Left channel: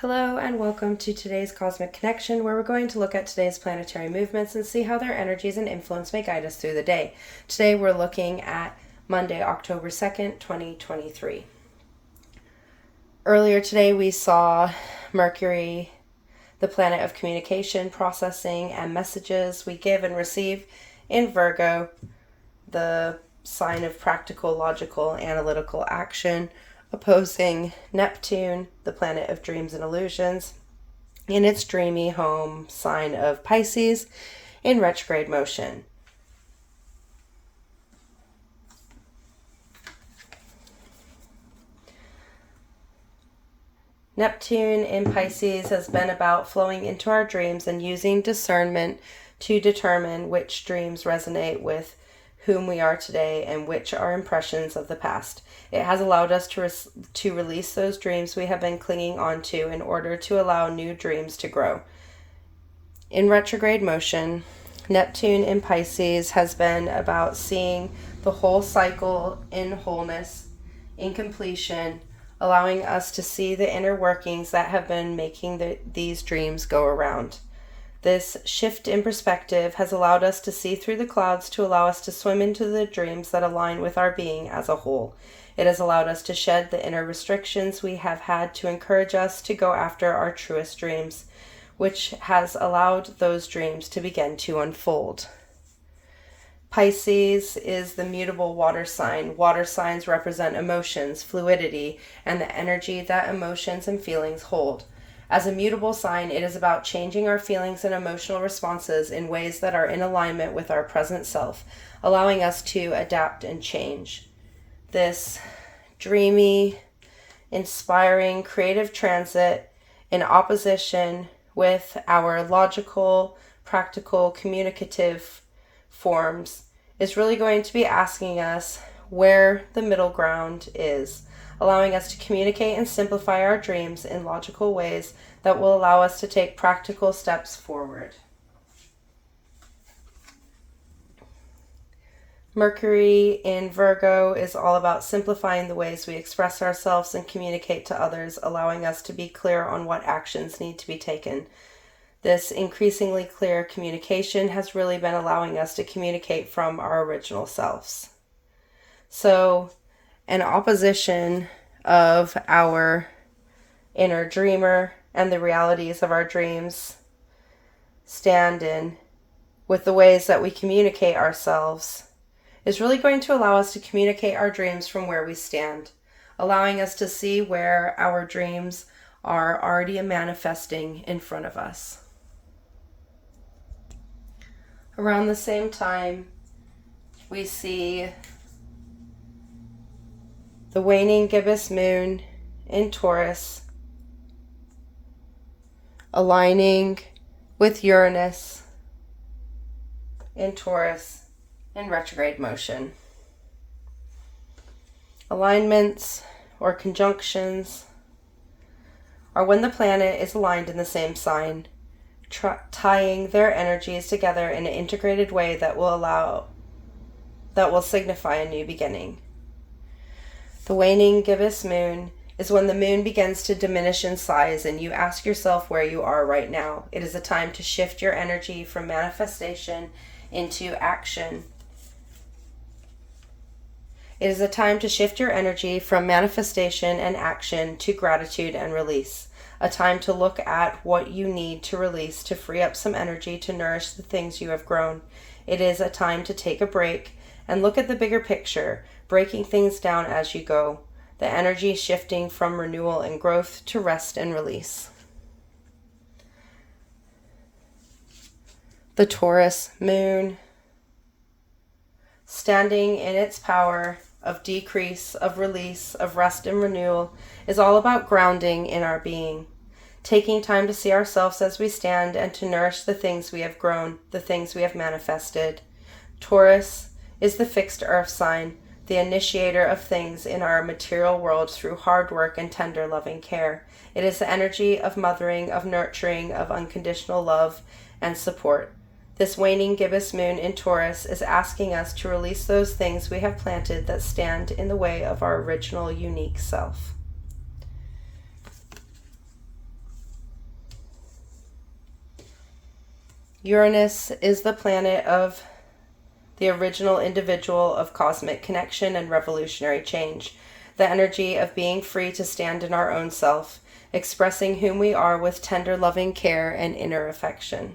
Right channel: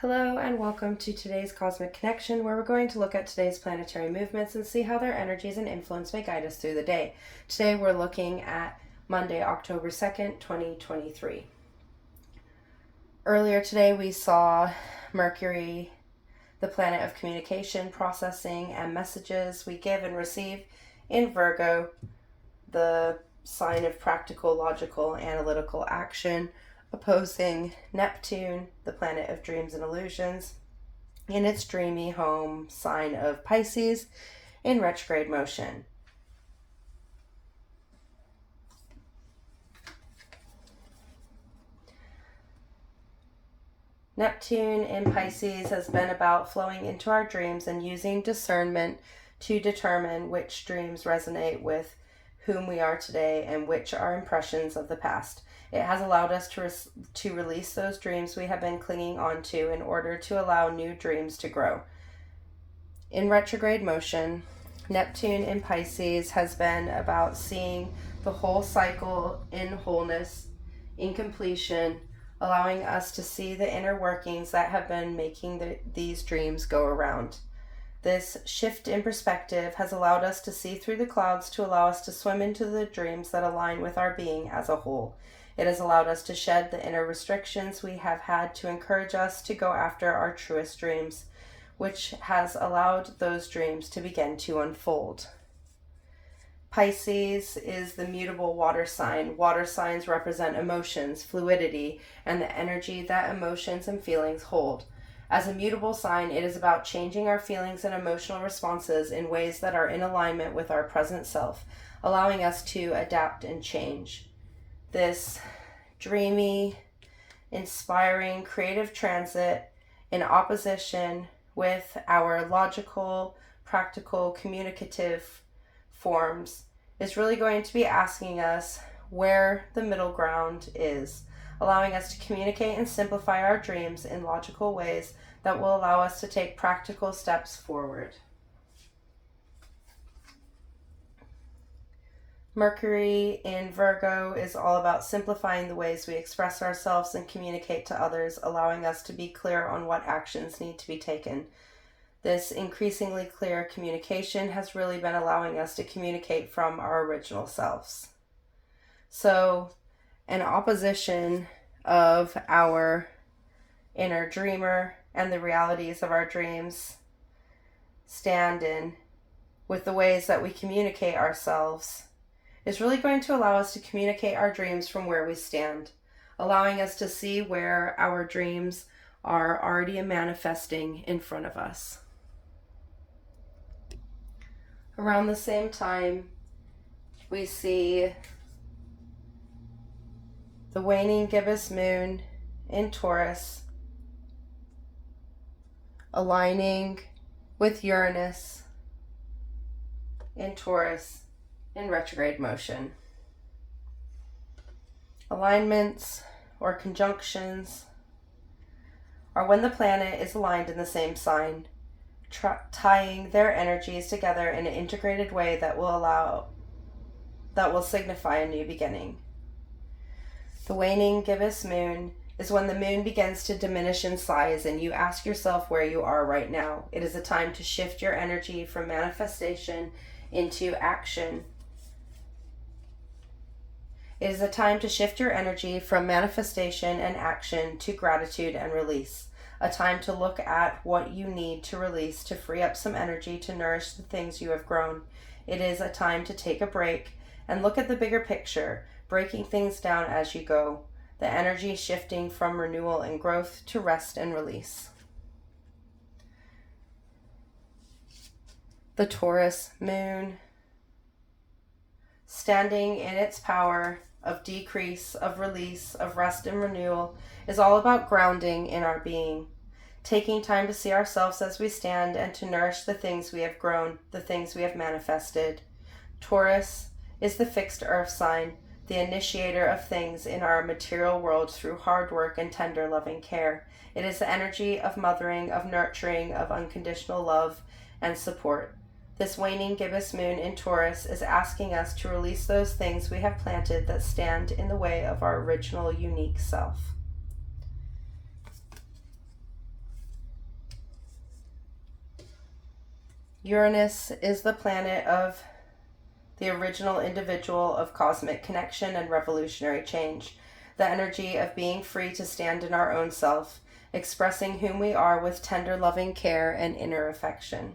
Hello and welcome to today's Cosmic Connection, where we're going to look at today's planetary movements and see how their energies and influence may guide us through the day. Today we're looking at Monday, October 2nd, 2023. Earlier today we saw Mercury, the planet of communication, processing, and messages we give and receive, in Virgo, the sign of practical, logical, analytical action, opposing Neptune, the planet of dreams and illusions, in its dreamy home sign of Pisces, in retrograde motion. Neptune in Pisces has been about flowing into our dreams and using discernment to determine which dreams resonate with whom we are today and which are impressions of the past. It has allowed us to release those dreams we have been clinging on to in order to allow new dreams to grow. In retrograde motion, Neptune in Pisces has been about seeing the whole cycle in wholeness, in completion, allowing us to see the inner workings that have been making these dreams go around. This shift in perspective has allowed us to see through the clouds to allow us to swim into the dreams that align with our being as a whole. It has allowed us to shed the inner restrictions we have had to encourage us to go after our truest dreams, which has allowed those dreams to begin to unfold. Pisces is the mutable water sign. Water signs represent emotions, fluidity, and the energy that emotions and feelings hold. As a mutable sign, it is about changing our feelings and emotional responses in ways that are in alignment with our present self, allowing us to adapt and change. This dreamy, inspiring, creative transit in opposition with our logical, practical, communicative forms is really going to be asking us where the middle ground is, allowing us to communicate and simplify our dreams in logical ways that will allow us to take practical steps forward. Mercury in Virgo is all about simplifying the ways we express ourselves and communicate to others, allowing us to be clear on what actions need to be taken. This increasingly clear communication has really been allowing us to communicate from our original selves. So, an opposition of our inner dreamer and the realities of our dreams stand in with the ways that we communicate ourselves is really going to allow us to communicate our dreams from where we stand, allowing us to see where our dreams are already manifesting in front of us. Around the same time, we see the waning gibbous moon in Taurus aligning with Uranus in Taurus in retrograde motion. Alignments or conjunctions are when the planet is aligned in the same sign, tying their energies together in an integrated way that will signify a new beginning. The waning gibbous moon is when the moon begins to diminish in size and you ask yourself where you are right now. It is a time to shift your energy from manifestation into action. It is a time to shift your energy from manifestation and action to gratitude and release. A time to look at what you need to release to free up some energy to nourish the things you have grown. It is a time to take a break and look at the bigger picture, breaking things down as you go. The energy shifting from renewal and growth to rest and release. The Taurus moon, standing in its power of decrease, of release, of rest and renewal, is all about grounding in our being, taking time to see ourselves as we stand and to nourish the things we have grown, the things we have manifested. Taurus is the fixed earth sign, the initiator of things in our material world through hard work and tender loving care. It is the energy of mothering, of nurturing, of unconditional love and support. This waning gibbous moon in Taurus is asking us to release those things we have planted that stand in the way of our original unique self. Uranus is the planet of the original individual of cosmic connection and revolutionary change, the energy of being free to stand in our own self, expressing whom we are with tender, loving care and inner affection.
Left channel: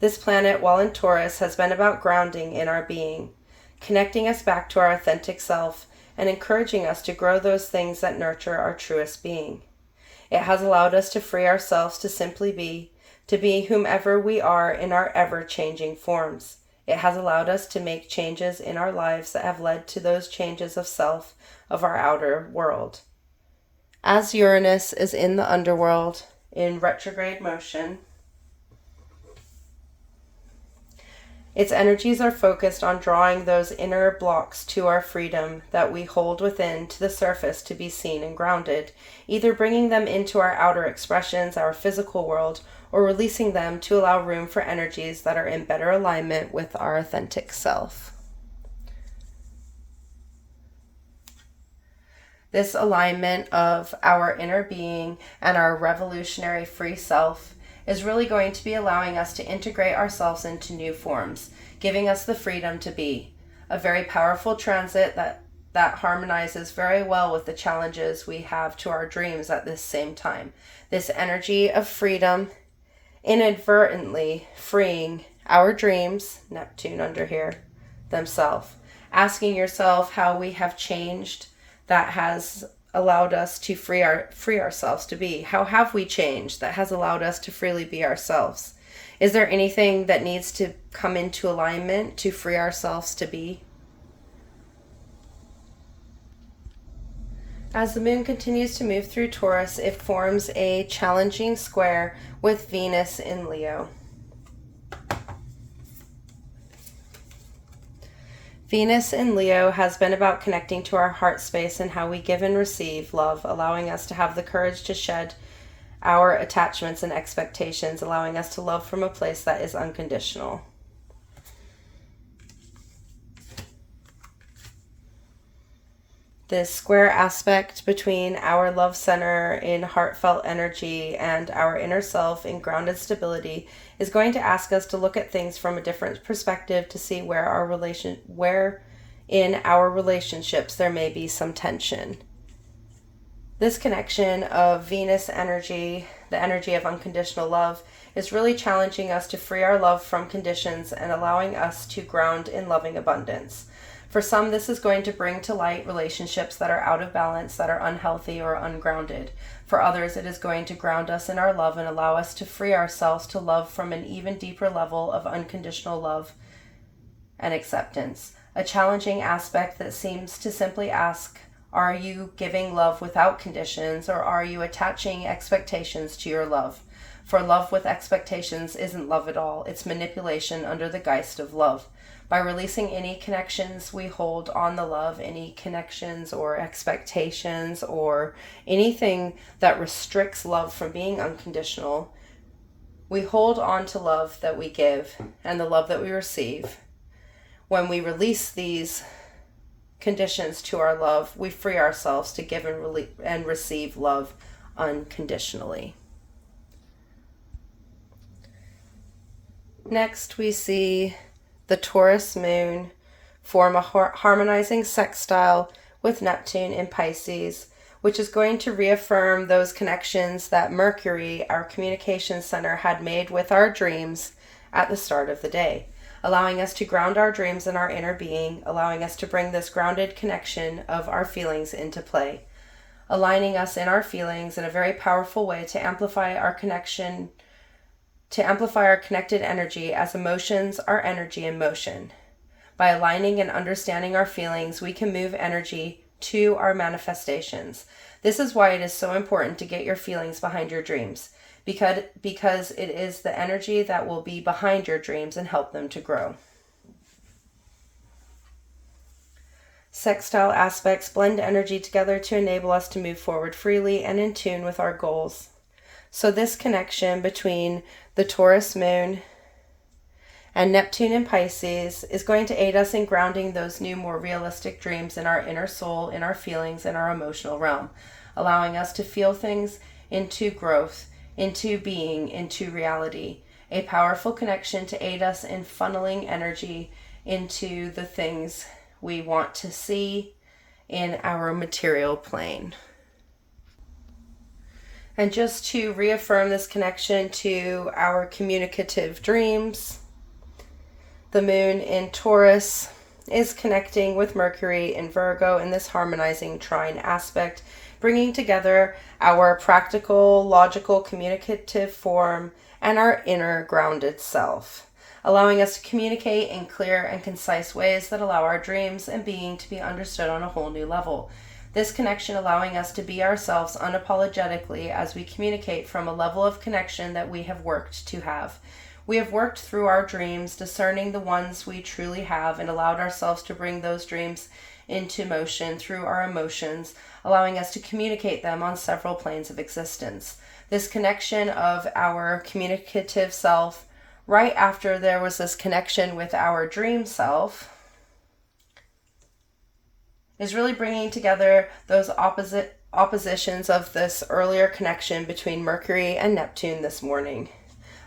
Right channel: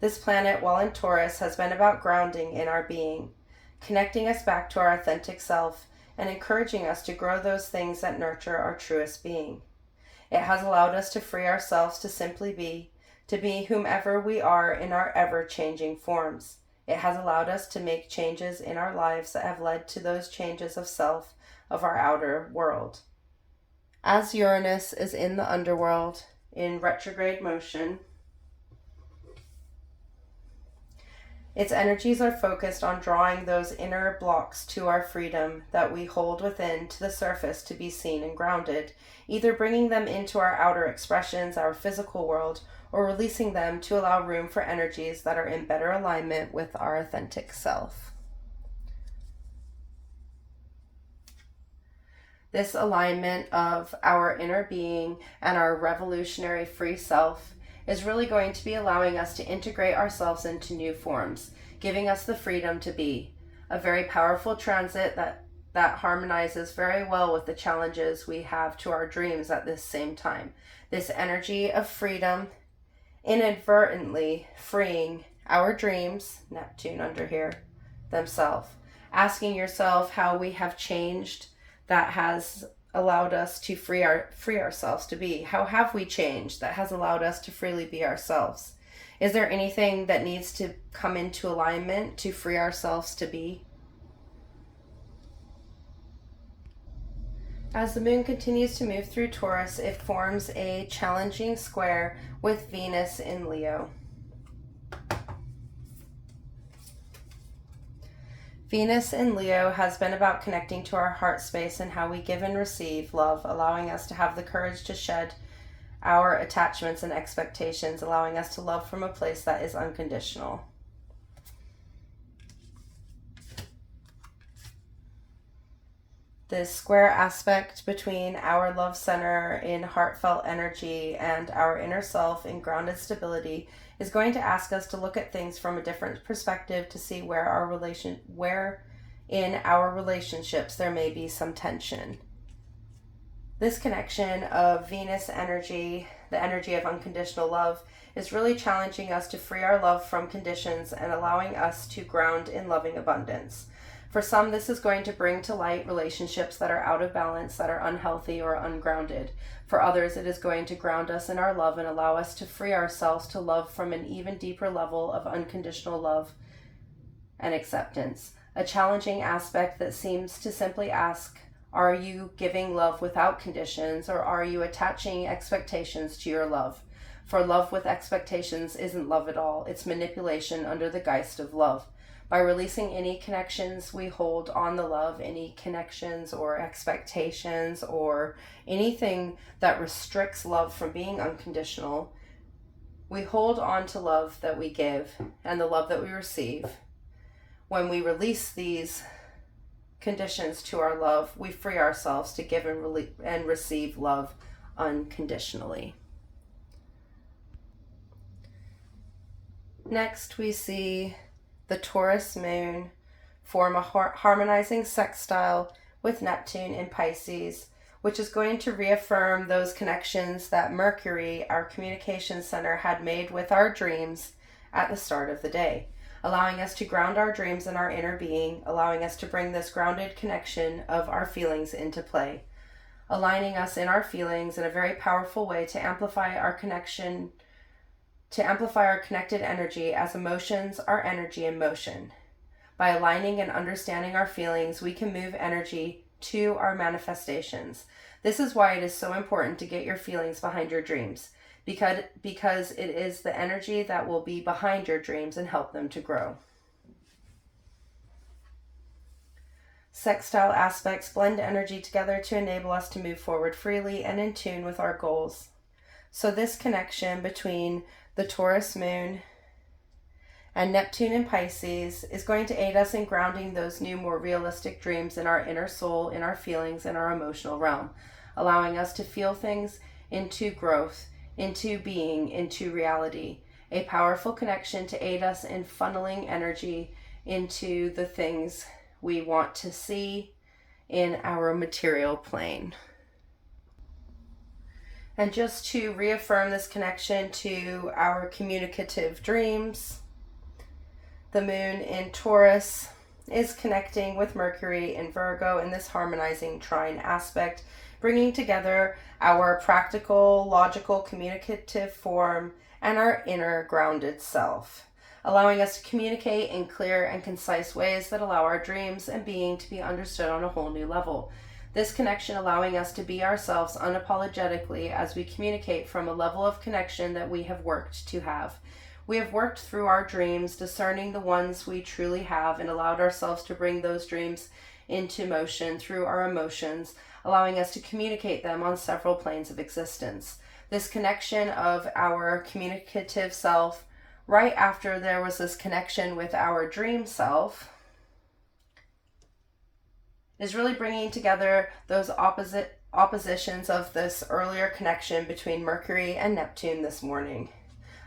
This planet, while in Taurus, has been about grounding in our being, connecting us back to our authentic self, and encouraging us to grow those things that nurture our truest being. It has allowed us to free ourselves to simply be, to be whomever we are in our ever-changing forms. It has allowed us to make changes in our lives that have led to those changes of self, of our outer world. As Uranus is in the underworld, in retrograde motion, its energies are focused on drawing those inner blocks to our freedom that we hold within to the surface to be seen and grounded, either bringing them into our outer expressions, our physical world, or releasing them to allow room for energies that are in better alignment with our authentic self. This alignment of our inner being and our revolutionary free self is really going to be allowing us to integrate ourselves into new forms, giving us the freedom to be. A very powerful transit that harmonizes very well with the challenges we have to our dreams at this same time. This energy of freedom, inadvertently freeing our dreams, Neptune under here, themselves. Asking yourself how we have changed that has allowed us to free ourselves to be. How have we changed that has allowed us to freely be ourselves? Is there anything that needs to come into alignment to free ourselves to be? As the moon continues to move through Taurus, it forms a challenging square with Venus in Leo. Venus in Leo has been about connecting to our heart space and how we give and receive love, allowing us to have the courage to shed our attachments and expectations, allowing us to love from a place that is unconditional. This square aspect between our love center in heartfelt energy and our inner self in grounded stability is going to ask us to look at things from a different perspective to see where in our relationships there may be some tension. This connection of Venus energy, the energy of unconditional love, is really challenging us to free our love from conditions and allowing us to ground in loving abundance. For some, this is going to bring to light relationships that are out of balance, that are unhealthy or ungrounded. For others, it is going to ground us in our love and allow us to free ourselves to love from an even deeper level of unconditional love and acceptance. A challenging aspect that seems to simply ask, are you giving love without conditions, or are you attaching expectations to your love? For love with expectations isn't love at all. It's manipulation under the guise of love. By releasing any connections we hold on the love, any connections or expectations or anything that restricts love from being unconditional, we hold on to love that we give and the love that we receive. When we release these conditions to our love, we free ourselves to give and receive love unconditionally. Next, we see the Taurus moon form a harmonizing sextile with Neptune in Pisces, which is going to reaffirm those connections that Mercury, our communication center, had made with our dreams at the start of the day, allowing us to ground our dreams in our inner being, allowing us to bring this grounded connection of our feelings into play, aligning us in our feelings in a very powerful way to amplify our connection, to amplify our connected energy, as emotions are energy in motion. By aligning and understanding our feelings, we can move energy to our manifestations. This is why it is so important to get your feelings behind your dreams, because it is the energy that will be behind your dreams and help them to grow. Sextile aspects blend energy together to enable us to move forward freely and in tune with our goals. So this connection between the Taurus moon and Neptune in Pisces is going to aid us in grounding those new, more realistic dreams in our inner soul, in our feelings, in our emotional realm, allowing us to feel things into growth, into being, into reality, a powerful connection to aid us in funneling energy into the things we want to see in our material plane. And just to reaffirm this connection to our communicative dreams, the moon in Taurus is connecting with Mercury in Virgo in this harmonizing trine aspect, bringing together our practical, logical, communicative form and our inner grounded self, allowing us to communicate in clear and concise ways that allow our dreams and being to be understood on a whole new level. This connection allowing us to be ourselves unapologetically as we communicate from a level of connection that we have worked to have. We have worked through our dreams, discerning the ones we truly have, and allowed ourselves to bring those dreams into motion through our emotions, allowing us to communicate them on several planes of existence. This connection of our communicative self, right after there was this connection with our dream self, is really bringing together those oppositions of this earlier connection between Mercury and Neptune this morning,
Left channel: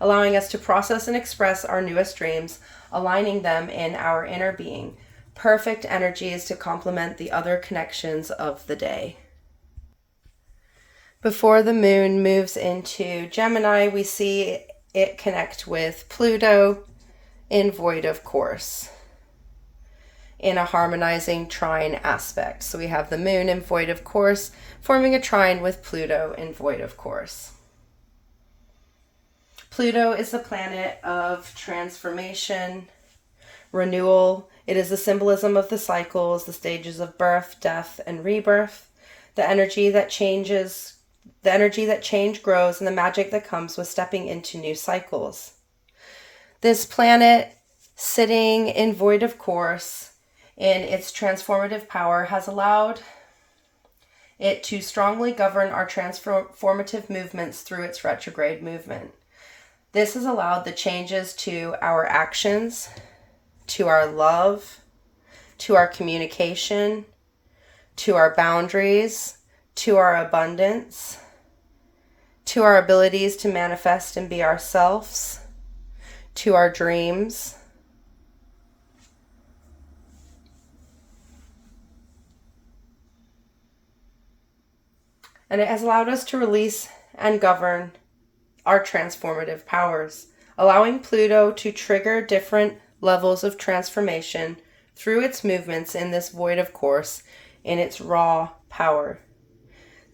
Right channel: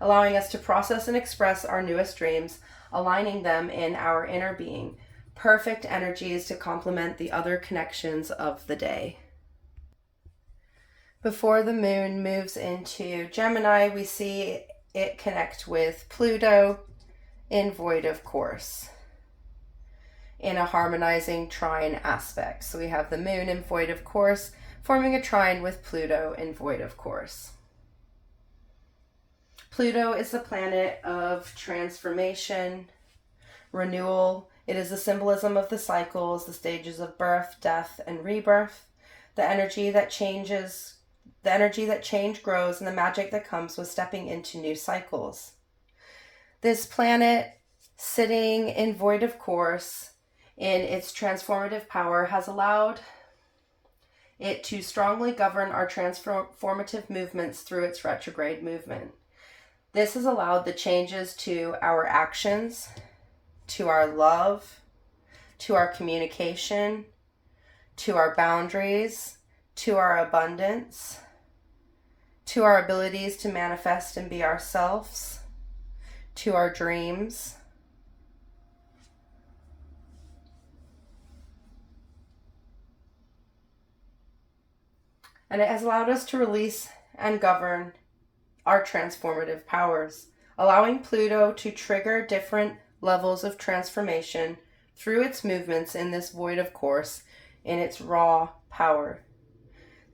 allowing us to process and express our newest dreams, aligning them in our inner being. Perfect energies to complement the other connections of the day. Before the moon moves into Gemini, we see it connect with Pluto in void of course, in a harmonizing trine aspect. So we have the moon in void of course forming a trine with Pluto in void of course. Pluto is the planet of transformation, renewal. It is the symbolism of the cycles, the stages of birth, death, and rebirth, the energy that change grows, and the magic that comes with stepping into new cycles. This planet sitting in void of course in its transformative power has allowed it to strongly govern our transformative movements through its retrograde movement. This has allowed the changes to our actions, to our love, to our communication, to our boundaries, to our abundance, to our abilities to manifest and be ourselves, to our dreams. And it has allowed us to release and govern our transformative powers, allowing Pluto to trigger different levels of transformation through its movements in this void of course in its raw power.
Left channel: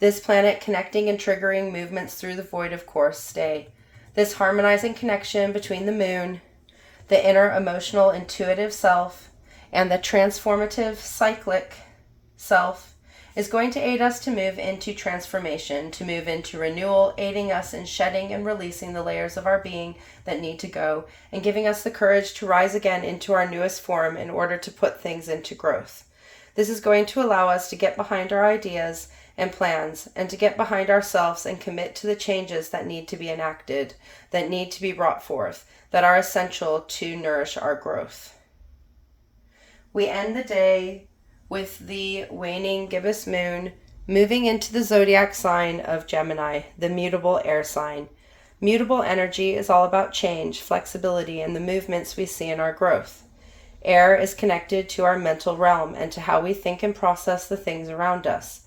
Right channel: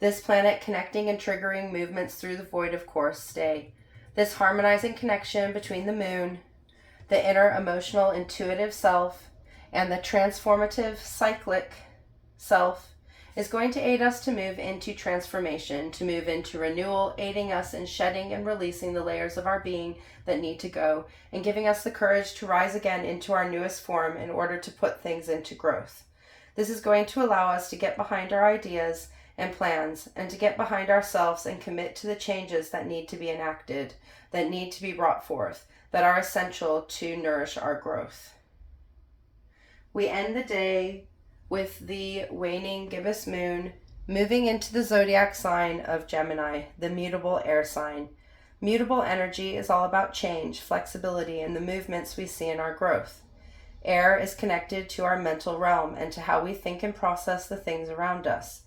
This planet connecting and triggering movements through the void of course stay. This harmonizing connection between the moon, the inner emotional intuitive self, and the transformative cyclic self is going to aid us to move into transformation, to move into renewal, aiding us in shedding and releasing the layers of our being that need to go, and giving us the courage to rise again into our newest form in order to put things into growth. This is going to allow us to get behind our ideas and plans, and to get behind ourselves and commit to the changes that need to be enacted, that need to be brought forth, that are essential to nourish our growth. We end the day with the waning gibbous moon moving into the zodiac sign of Gemini, the mutable air sign. Mutable energy is all about change, flexibility, and the movements we see in our growth. Air is connected to our mental realm and to how we think and process the things around us,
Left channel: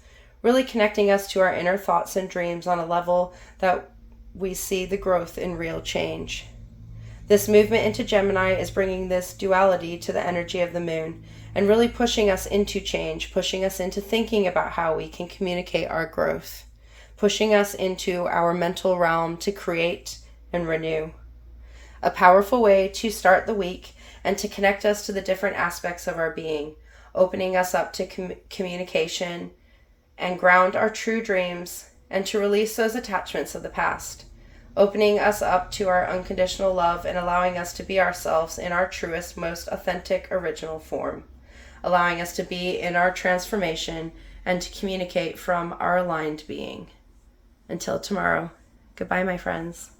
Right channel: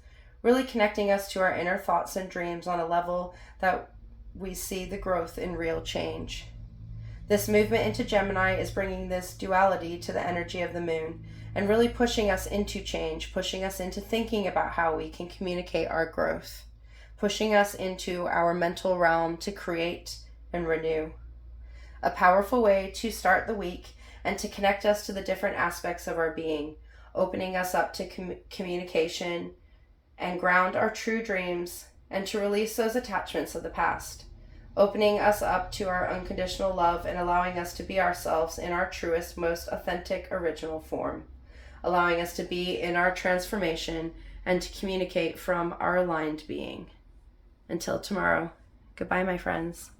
really connecting us to our inner thoughts and dreams on a level that we see the growth in real change. This movement into Gemini is bringing this duality to the energy of the moon and really pushing us into change, pushing us into thinking about how we can communicate our growth, pushing us into our mental realm to create and renew. A powerful way to start the week and to connect us to the different aspects of our being, opening us up to communication and ground our true dreams and to release those attachments of the past, opening us up to our unconditional love and allowing us to be ourselves in our truest, most authentic, original form, allowing us to be in our transformation and to communicate from our aligned being. Until tomorrow, goodbye, my friends.